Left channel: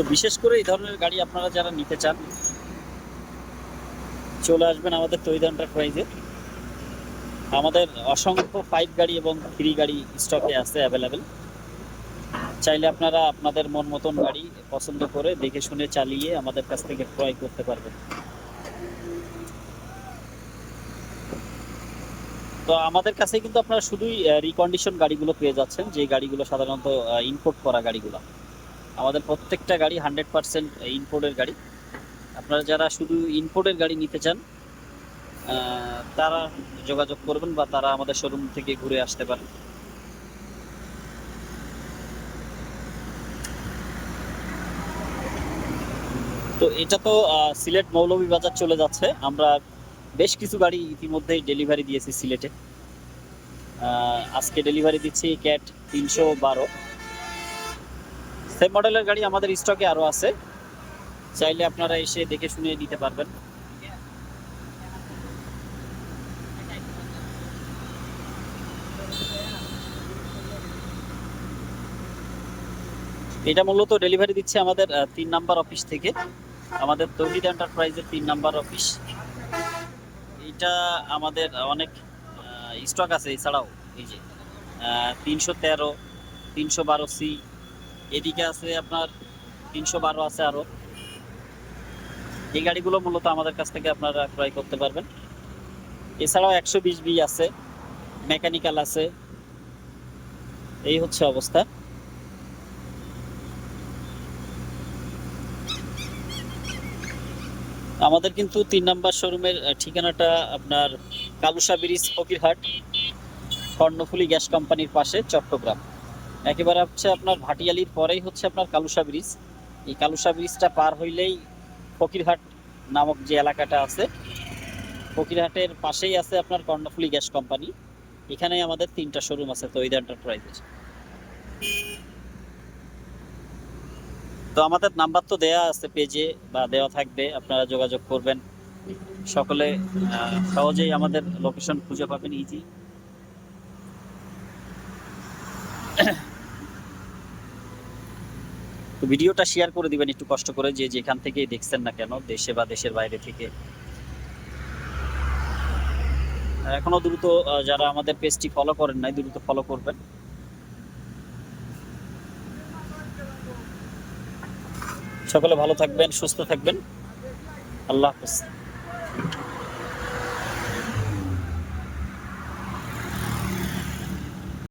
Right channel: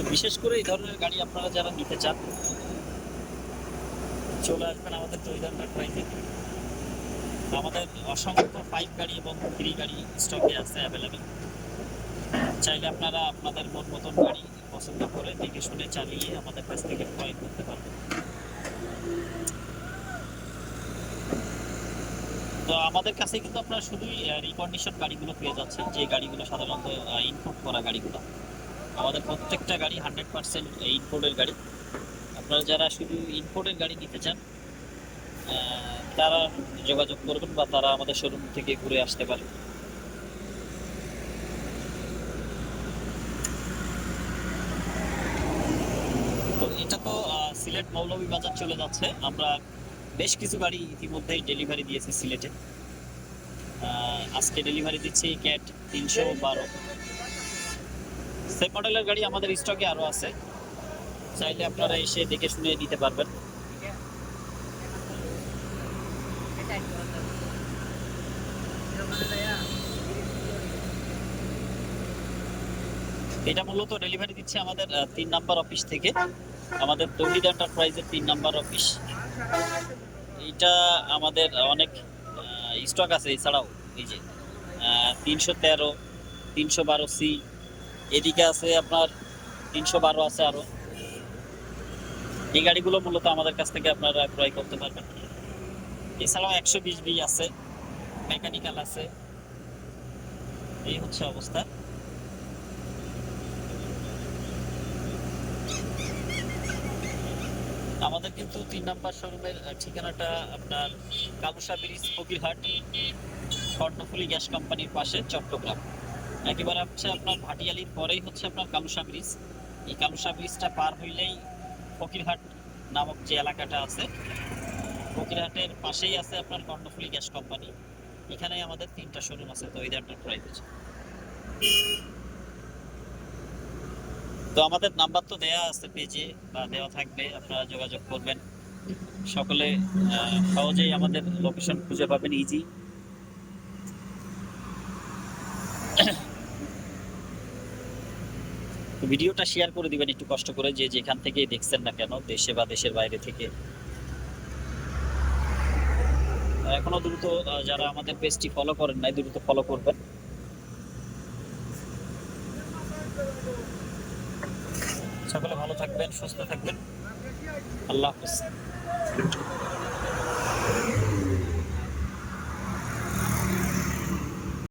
তো বিশেষ করে এই ধরনের গাড়ি আপনারা যারা নিতে চান, চলে আসবেন আমাদের তৈরি এন্টারপ্রাইজে। আমাদের অসংখ্য ফাইভ গাড়ি এবং থ্রি গাড়ি স্টকে আছে অ্যাভেলেবেল চাইলে আপনারা আপনাদের মন মতন গাড়ি পছন্দ করে দেখে শুনে চালিয়ে আমাদের কাছ থেকে ক্রয় করতে পারবেন। তো আমাদের কাছে কিন্তু আপনারা শুধুই রিকন্ডিশন গাড়িগুলো পেয়ে যাচ্ছেন, যে গাড়িগুলো সাধারণত ইম্পোর্ট করা গাড়িগুলো। আমাদের প্রত্যেকটা গাড়ি হান্ড্রেড পার্সেন্ট ইম্পোর্টের গাড়ি। আপনারা যারা শুধু ইম্পোর্টের গাড়ি নিতে চান তারা যোগাযোগ করবেন বা তারা আমাদের শোরুম থেকে ঘুরে আসতে পারেন তো এটা তো সিলেট মৌলভীবাজার চলে যাচ্ছে। আমরা বেশ কিছু গাড়ি ইতিমধ্যেই ডেলিভারি দিয়েছি সিলেটে। আজকে ডেলিভারি দিচ্ছি ক্যাট তিনশো বারো। সেম মডেলের গাড়ি আমাদের স্টকে আরও আছে। চাইলে আপনারা এসে দেখে শুনে নিতে পারবেন। এটা মূলত ডেলিভারি দিচ্ছে আমাদের তিন নাম্বার অফিস থেকে। আমাদের তৌহিদ এন্টারপ্রাইজের তিন নাম্বার অফিস এটা আমাদের অনেক স্টক আছে এছাড়াও। এই যে তিনশো তেরো, তিনশো বারো সি এদিকে আছে আপনার তিনশো বারো আছে আরও। এই গাড়িগুলো মূলত আমাদের কাছ থেকে আপনারা ক্রয় করতে পারবেন। এছাড়াও একশো বিশ বি আছে, মেকানিক্যাল আছে। এই হচ্ছে অবস্থা। আমাদের কিন্তু তিন নাম্বার শোরুমের ঠিকানাটা আপনার কালুসা ব্রিজ, ফকিরহাট, কর্ণফুলি গ্যাস কোম্পানির পাশে, চট্টগ্রাম। একেবারে হচ্ছে আপনার ভাটিয়ালির পরেই হচ্ছে আপনার কালুসা ব্রিজ। এই কালুসা ব্রিজটা পার হইলেই ফকিরহাট নামক যে এলাকাটা আছে, ফকিরহাটের পাশেই আছে আপনার কর্ণফুলি গ্যাস কোম্পানি। এখানেই আমাদের তিনটা শোরুম আছে, তো তৈরি এন্টারপ্রাইজের তো আমাদের নাম্বার তো দেয়া আছে পেজে বা দেওয়া থাকবে, আপনারা যোগাযোগ করবেন। সকলে সহজেই আমাদের লোকেশন খুঁজে পাবেন ইজি ভিডিওটা শেয়ার করে দিবেন, একটু কষ্ট করে, যে যেখান থেকেই দেখছেন না কেন, দেশে বা দেশের বাইরে থেকে। এখনও দ্রুত যারা আমাদের পেজটি ফলো করেন নাই, দ্রুত ফলো করবেন। সকলে ভালো থাকবেন, সুস্থ থাকবেন। আল্লাহ হাফেজ।